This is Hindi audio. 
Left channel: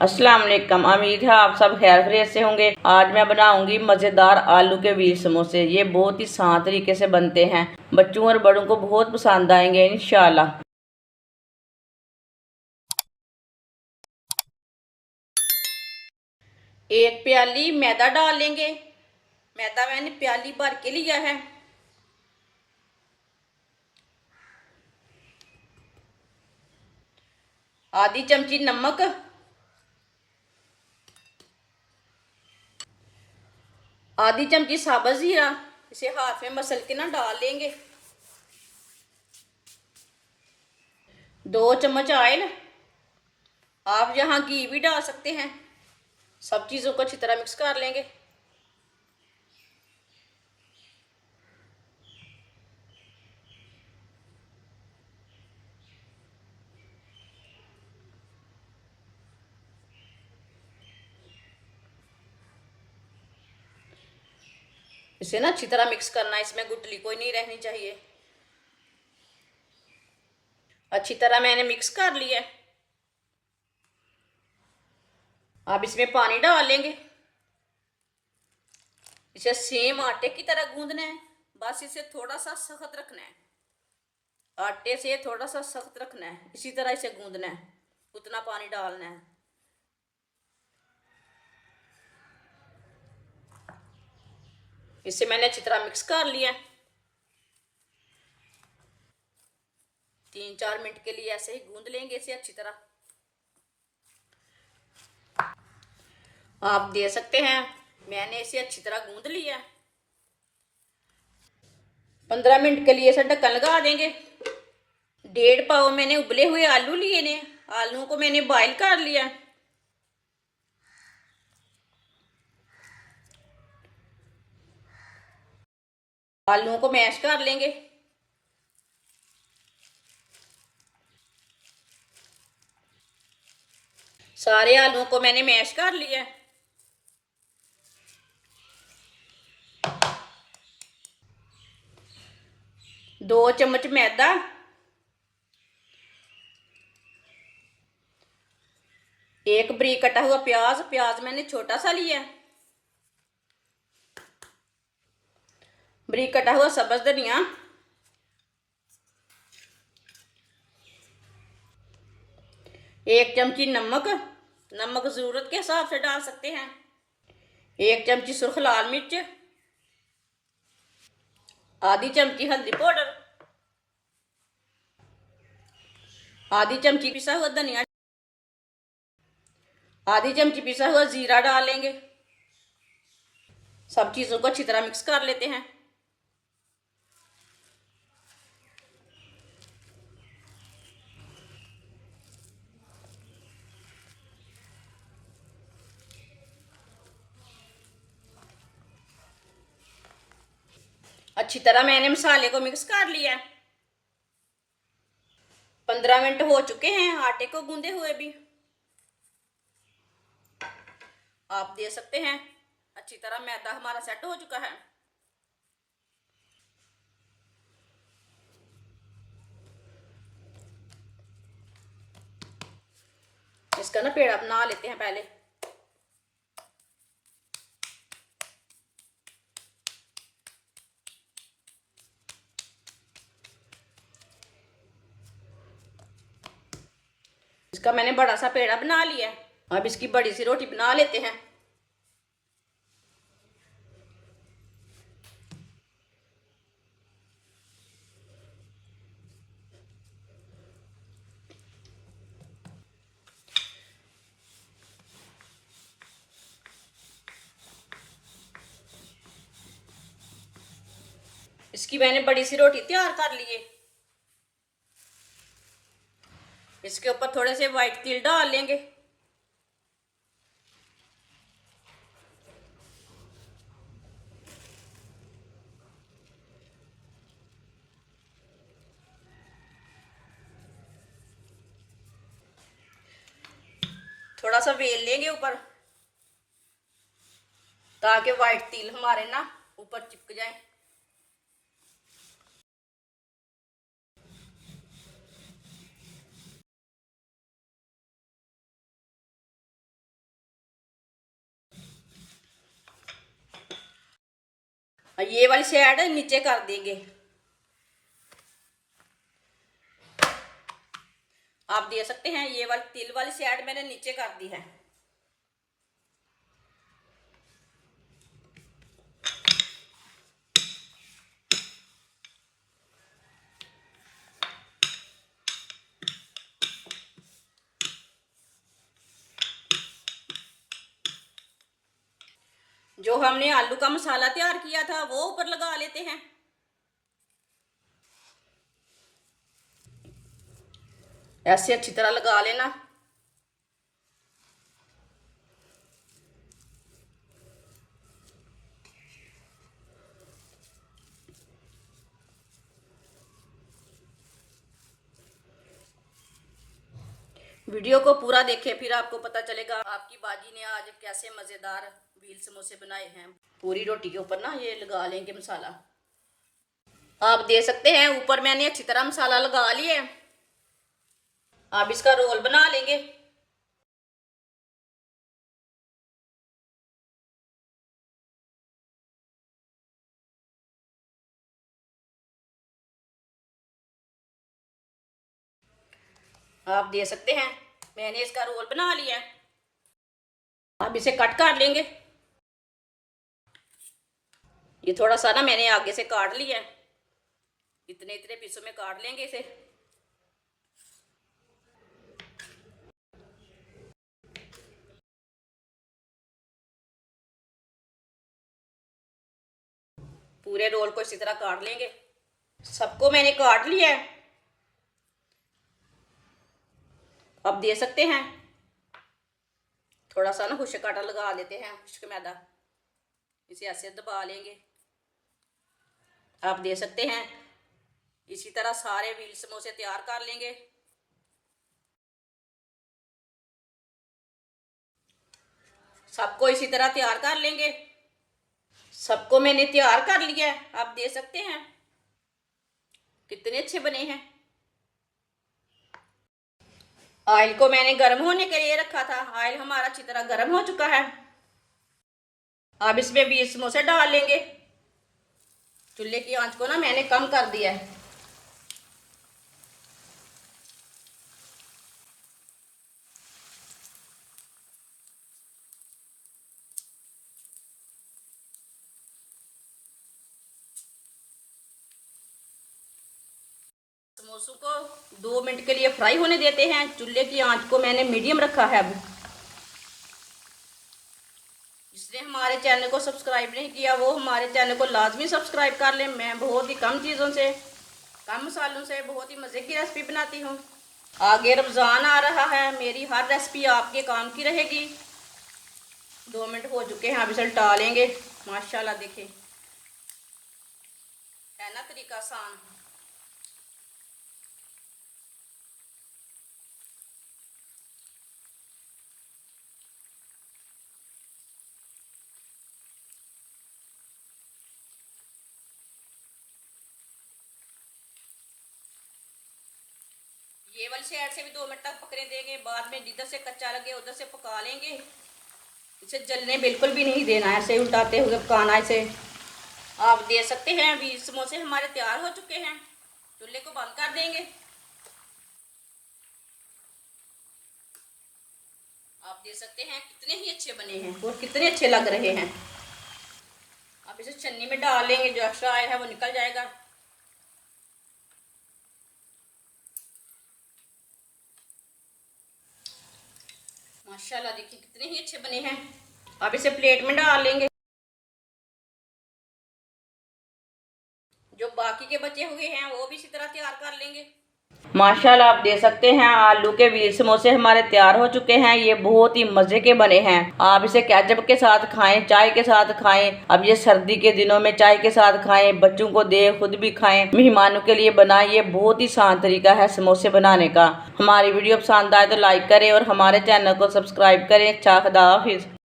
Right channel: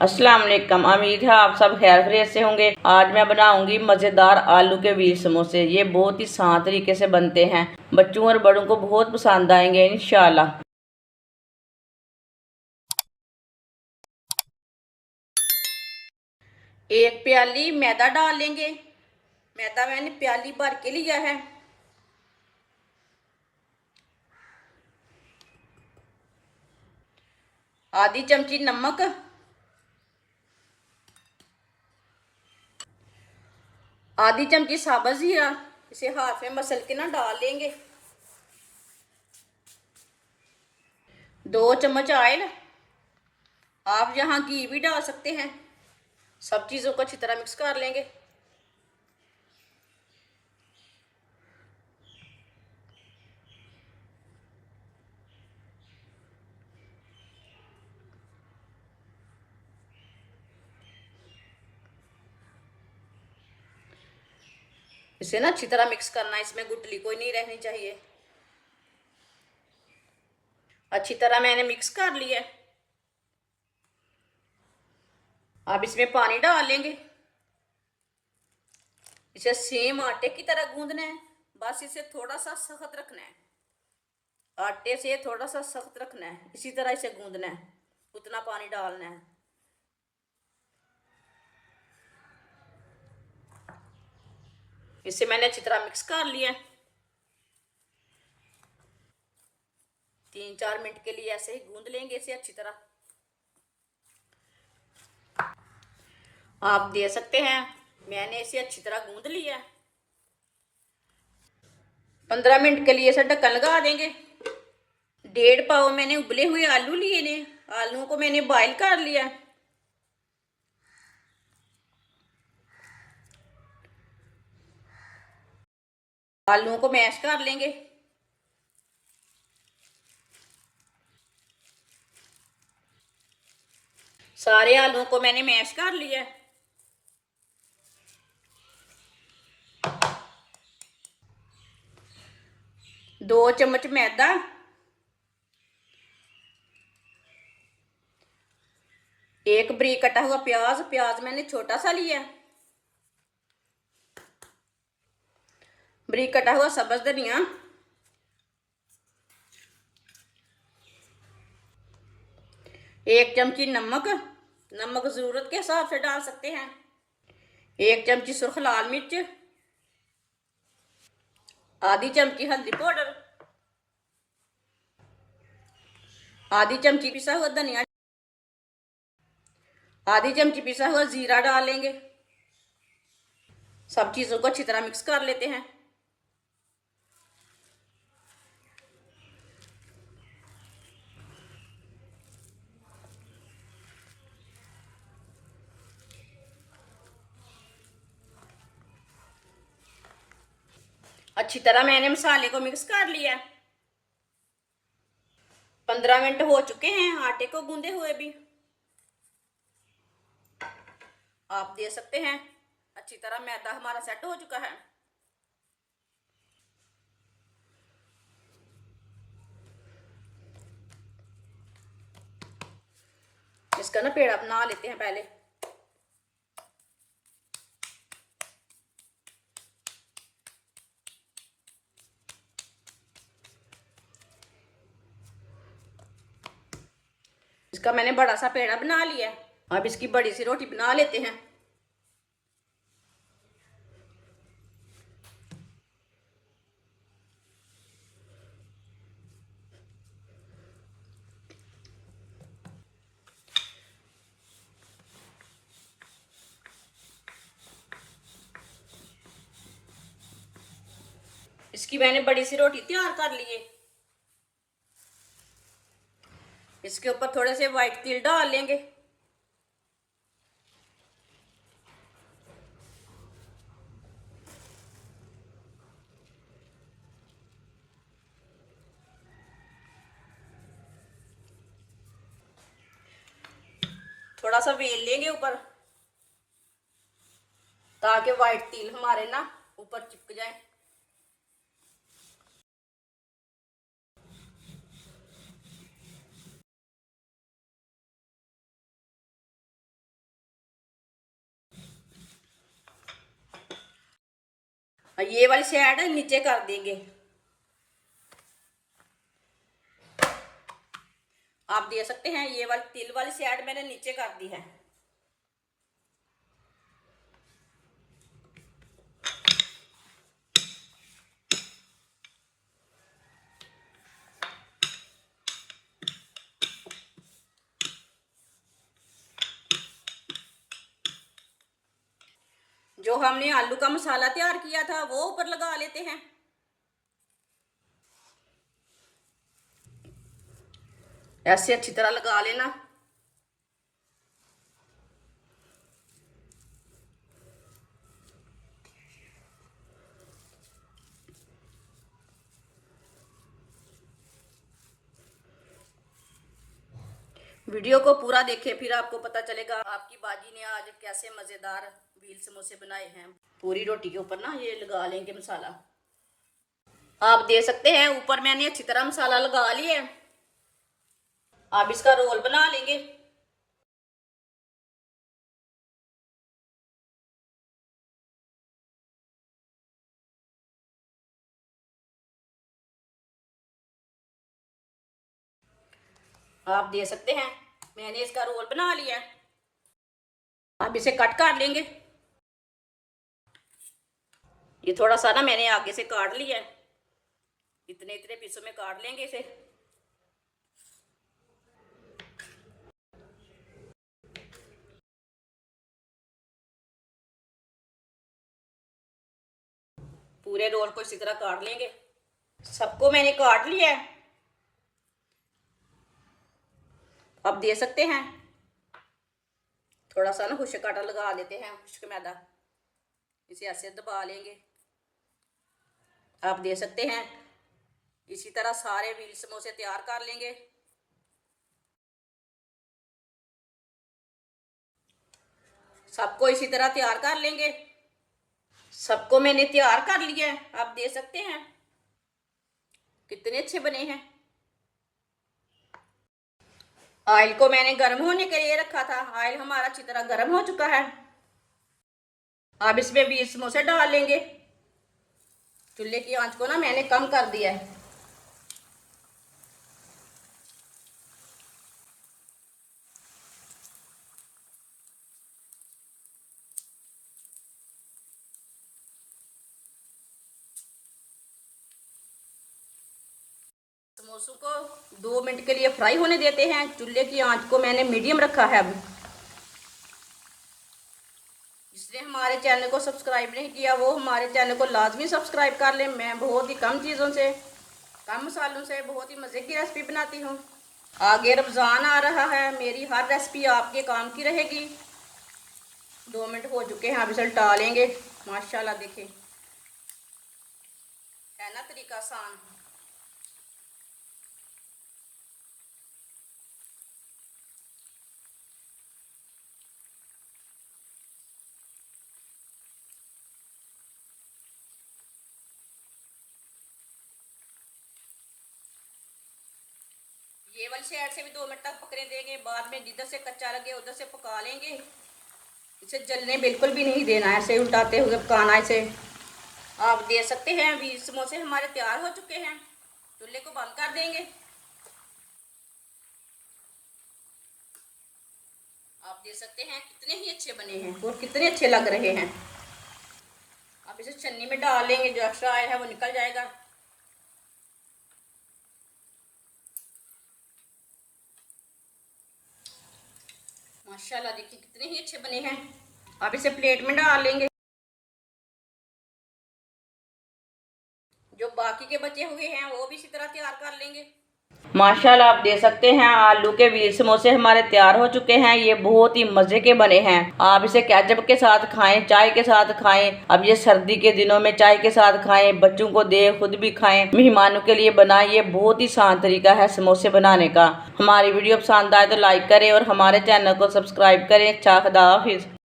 अस्सलाम वालेकुम। उम्मीद है आप सब खैर खैरियत से होंगे। आज मैं बनाऊंगी मज़ेदार आलू के व्हील समोसे। ये बहुत ही आसान तरीके से बनते हैं, बच्चों और बड़ों को बहुत पसंद आएंगे इंशाल्लाह। एक प्याली मैदा डाल लेंगे। मैदा मैंने प्याली भर के लिया है। आधी चमची नमक, आधी चमची साबुत जीरा, इसे हाथ में मसल के ना डाल लेंगे। 2 चम्मच ऑयल, आप यहाँ घी भी डाल सकते हैं। सब चीज़ों को अच्छी तरह मिक्स कर लेंगे। इसे ना अच्छी तरह मिक्स करना है, इसमें गुठली कोई नहीं रहनी चाहिए। अच्छी तरह मैंने मिक्स कर लिया। अब इसमें पानी डाल लेंगे। इसे सेम आटे की तरह गूंदना है, बस इसे थोड़ा सा सख्त रखना है। आटे से थोड़ा सा सख्त रखना है, इसी तरह इसे गूंदना है, उतना पानी डालना है। इसे मैंने अच्छी तरह मिक्स कर लिया। 3-4 मिनट के लिए ऐसे ही गूंद लेंगे इसे अच्छी तरह। आप दे सकते हैं, मैंने इसे अच्छी तरह गूंद लिया। 15 मिनट के लिए इसे ढक्कन लगा देंगे। 1.5 पाव मैंने उबले हुए आलू लिए ने। आलू को मैंने बॉईल कर लिया। आलू को मैश कर लेंगे। सारे आलू को मैंने मैश कर लिया। दो चम्मच मैदा, 1 बारीक कटा हुआ प्याज, प्याज मैंने छोटा सा लिया। बारीक कटा हुआ सब्ज धनिया, 1 चमची नमक, नमक जरूरत के हिसाब से डाल सकते हैं। 1 चमची सुर्ख लाल मिर्च, आधी चमची हल्दी पाउडर, आधी चमची पिसा हुआ धनिया, आधी चमची पिसा हुआ जीरा डाल लेंगे। सब चीजों को अच्छी तरह मिक्स कर लेते हैं। अच्छी तरह मैंने मसाले को मिक्स कर लिया। 15 मिनट हो चुके हैं आटे को गूंदे हुए भी। आप दे सकते हैं, अच्छी तरह मैदा हमारा सेट हो चुका है। इसका ना पेड़ा बना लेते हैं पहले। इसका मैंने बड़ा सा पेड़ा बना लिया। अब इसकी बड़ी सी रोटी बना लेते हैं। इसकी मैंने बड़ी सी रोटी तैयार कर ली है। इसके ऊपर थोड़े से व्हाइट तिल डाल लेंगे। थोड़ा सा बेल लेंगे ऊपर, ताकि व्हाइट तिल हमारे ना ऊपर चिपक जाए। से ऐड नीचे कर देंगे। आप देख सकते हैं ये वाली तिल वाली से ऐड मैंने नीचे कर दी है। जो हमने आलू का मसाला तैयार किया था वो ऊपर लगा लेते हैं। ऐसे अच्छी तरह लगा लेना। वीडियो को पूरा देखें, फिर आपको पता चलेगा आपकी बाजी ने आज कैसे मजेदार व्हील समोसे बनाए हैं। पूरी रोटी के ऊपर ना ये लगा लेंगे मसाला। आप देख सकते हैं ऊपर मैंने अच्छी तरह मसाला लगा लिया है। आप इसका रोल बना लेंगे। आप देख सकते हैं मैंने इसका रोल बना लिया है। आप इसे कट कर लेंगे। ये थोड़ा सा ना मैंने आगे से काट लिया है, इतने इतने पीसों में काट लेंगे इसे। पूरे रोल को इसी तरह काट लेंगे। सबको मैंने काट लिया है। आप देख सकते हैं थोड़ा सा ना खुश्क आटा लगा लेते हैं, खुश्क मैदा, इसे ऐसे दबा लेंगे। आप देख सकते हैं इसी तरह सारे व्हील समोसे तैयार कर लेंगे। सबको इसी तरह तैयार कर लेंगे। सबको मैंने तैयार कर लिया है। आप देख सकते हैं कितने अच्छे बने हैं। ऑयल को मैंने गर्म होने के लिए रखा था। ऑयल हमारा अच्छी तरह गर्म हो चुका है। अब इसमें 20 समोसे डाल लेंगे। चूल्हे की आंच को ना मैंने कम कर दिया है। समोसों को 2 मिनट के लिए फ्राई होने देते हैं। चूल्हे की आंच को मैंने मीडियम रखा है। अब इसलिए हमारे चैनल को सब्सक्राइब नहीं किया वो हमारे चैनल को लाजमी सब्सक्राइब कर लें। मैं बहुत ही कम चीज़ों से, कम मसालों से बहुत ही मज़े की रेसिपी बनाती हूँ। आगे रमज़ान आ रहा है, मेरी हर रेसिपी आपके काम की रहेगी। 2 मिनट हो चुके हैं। अब इसे उल्टा लेंगे। माशाल्लाह देखें, है ना तरीका आसान। ये वाली साइड से भी 2 मिनट तक पकने देंगे। बाद में जिधर से कच्चा लगे उधर से पका लेंगे। इसे जलने बिल्कुल भी नहीं देना है, ऐसे उल्टाते हुए पकाना इसे। आप देख सकते हैं अभी समोसे हमारे तैयार हो चुके हैं। चूल्हे को बंद कर देंगे। आप देख सकते हैं कितने ही अच्छे बने हैं और कितने अच्छे लग रहे हैं। अब इसे छन्नी में डाल लेंगे, जो एक्स्ट्रा आयल है वो निकल जाएगा। माशाल्लाह देखिए कितने ही अच्छे बने हैं। अब इसे प्लेट में डाल लेंगे। जो बाकी के बचे हुए हैं वो भी इसी तरह तैयार कर लेंगे। माशाल्लाह आप देख सकते हैं आलू के व्हील समोसे हमारे तैयार हो चुके हैं। ये बहुत ही मजे के बने हैं। आप इसे केचप के साथ खाएं, चाय के साथ खाएं। अब ये सर्दी के दिनों में चाय के साथ खाएं, बच्चों को दे, खुद भी खाएं, मेहमानों के लिए बनाएं। ये बहुत ही आसान तरीका है समोसे बनाने का। हमारी वीडियो पसंद आए तो लाइक करें और हमारे चैनल को सब्सक्राइब करें। अच्छा, खुदा हाफिज़।